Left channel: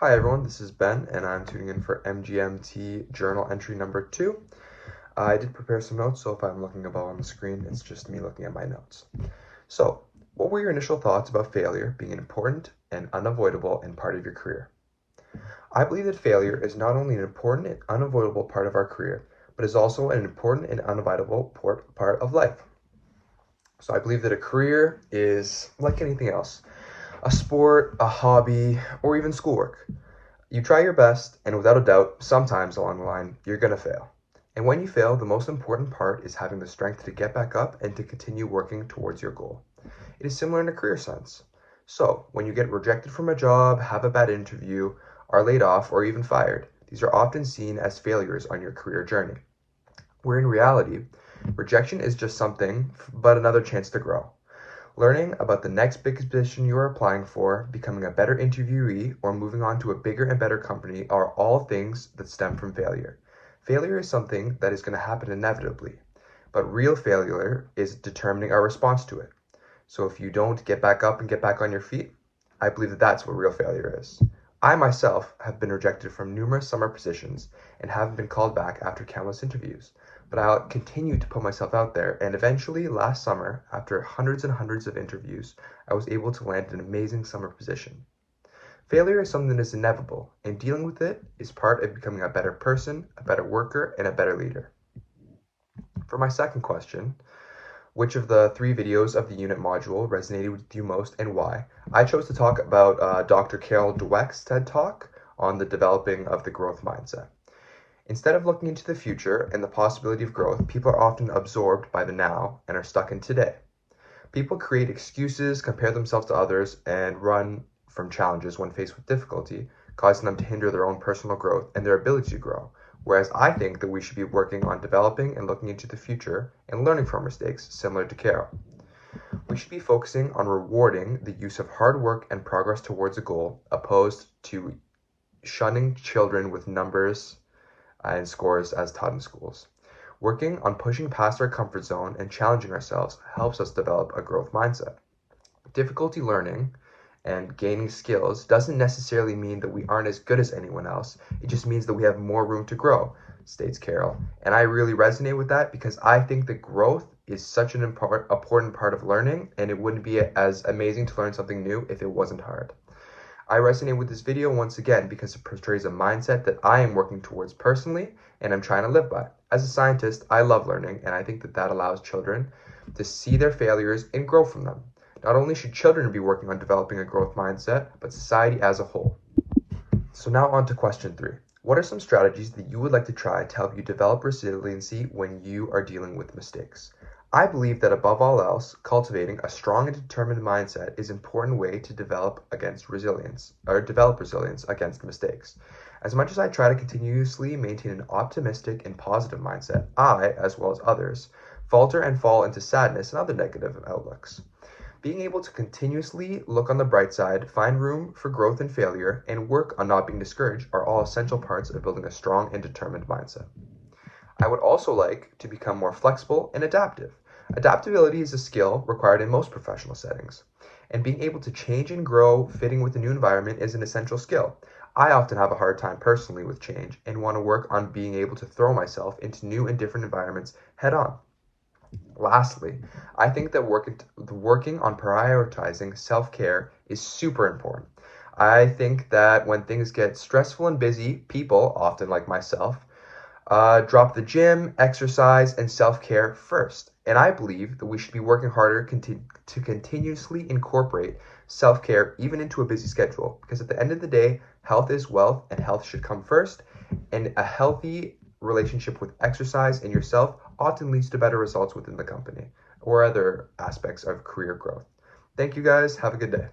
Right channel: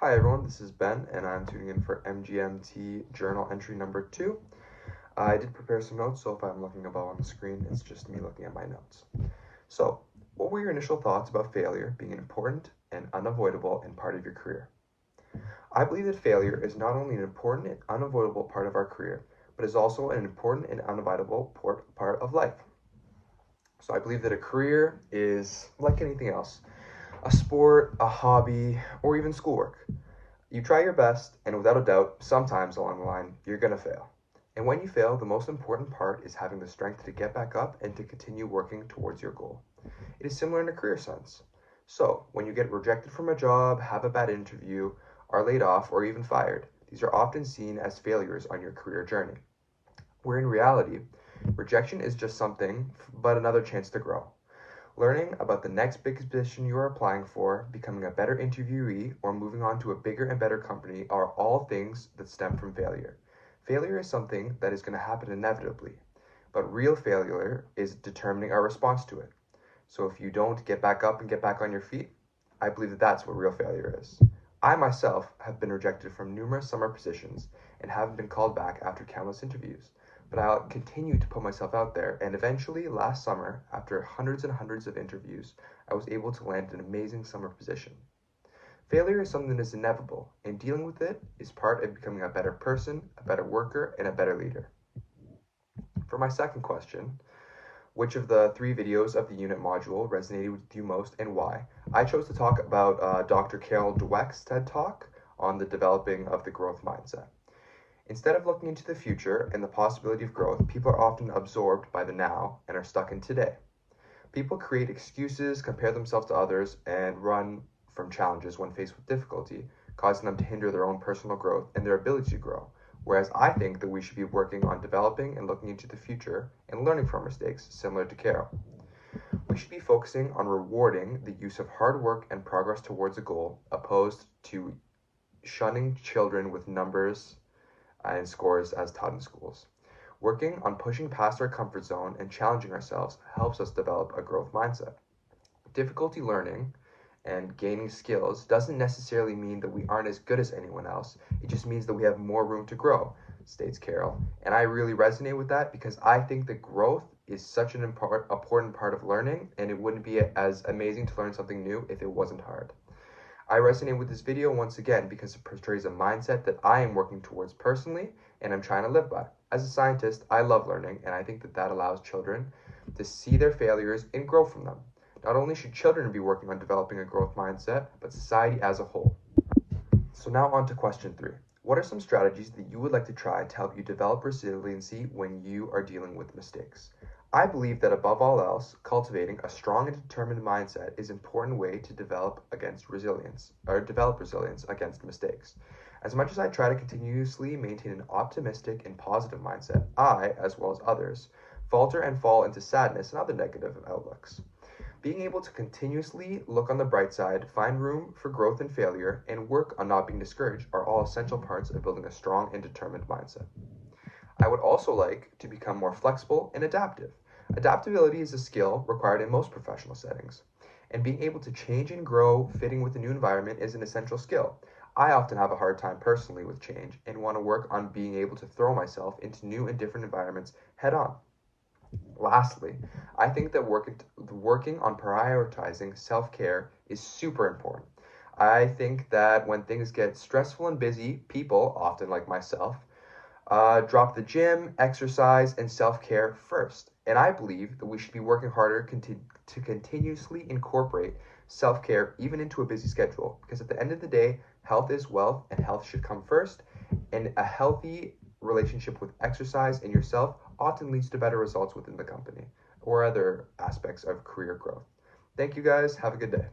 Hi everyone, this is Ben and I'm tuning in for MGMT Journal entry number 2. I did prepare some notes, so if I'm looking above on the screen, it's just me looking at my notes. So, what were your initial thoughts about failure being an important and unavoidable and part of your career? I believe that failure is not only an important and unavoidable part of our career, but is also an important and unavoidable part of life. So I believe that a career is like anything else, a sport, a hobby, or even schoolwork. You try your best, and without a doubt, sometimes along the line, you're going to fail. And when you fail, the most important part is having the strength to get back up and to continue working towards your goal. It is similar in a career sense. So, when you get rejected from a job, have a bad interview, are laid off, or even fired, these are often seen as failures on your career journey. Where in reality, rejection is just something, but another chance to grow. Learning about the next big position you are applying for, becoming a better interviewee, or moving on to a bigger and better company are all things that stem from failure. Failure is something that is going to happen inevitably, but real failure is determining our response to it. So if you don't get back up and get back on your feet, I believe that that's what real failure is. I myself have been rejected from numerous summer positions and haven't been called back after countless interviews. But I'll continue to put myself out there, and eventually last summer, after hundreds and hundreds of interviews, I was able to land an amazing summer position. Failure is something that is inevitable, and dealing with it is part of becoming a better person, a better worker, and a better leader. For my second question, which of the 3 videos of the unit module resonated with you most and why? I chose to talk about Dr. Carol Dweck's TED Talk on the developing of the growth mindset. Instead of looking into the future and the possibility of growth, people are often absorbed by the now and are stuck in today. People create excuses, compare themselves to others, and run from challenges when faced with difficulty, causing them to hinder their own personal growth and their ability to grow. Whereas I think that we should be working on developing and looking into the future and learning from mistakes, similar to Carol. We should be focusing on rewarding the use of hard work and progress towards a goal, opposed to shunning children with numbers and scores as taught in schools. Working on pushing past our comfort zone and challenging ourselves helps us develop a growth mindset. Difficulty learning and gaining skills doesn't necessarily mean that we aren't as good as anyone else. It just means that we have more room to grow, states Carol. And I really resonate with that because I think that growth is such an important part of learning, and it wouldn't be as amazing to learn something new if it wasn't hard. I resonate with this video once again because it portrays a mindset that I am working towards personally and I'm trying to live by. As a scientist, I love learning, and I think that that allows children to see their failures and grow from them. Not only should children be working on developing a growth mindset, but society as a whole. So now on to question 3. What are some strategies that you would like to try to help you develop resiliency when you are dealing with mistakes? I believe that above all else, cultivating a strong and determined mindset is an important way to develop resilience against mistakes. As much as I try to continuously maintain an optimistic and positive mindset, I, as well as others, falter and fall into sadness and other negative outlooks. Being able to continuously look on the bright side, find room for growth and failure, and work on not being discouraged are all essential parts of building a strong and determined mindset. I would also like to become more flexible and adaptive. Adaptability is a skill required in most professional settings, and being able to change and grow fitting with a new environment is an essential skill. I often have a hard time personally with change and want to work on being able to throw myself into new and different environments head on. Lastly, I think that working on prioritizing self-care is super important. I think that when things get stressful and busy, people, often like myself, drop the gym, exercise, and self-care first. And I believe that we should be working harder to continuously incorporate self-care even into a busy schedule. Because at the end of the day, health is wealth, and health should come first. And a healthy relationship with exercise and yourself often leads to better results within the company or other aspects of career growth. Thank you guys. Have a good day.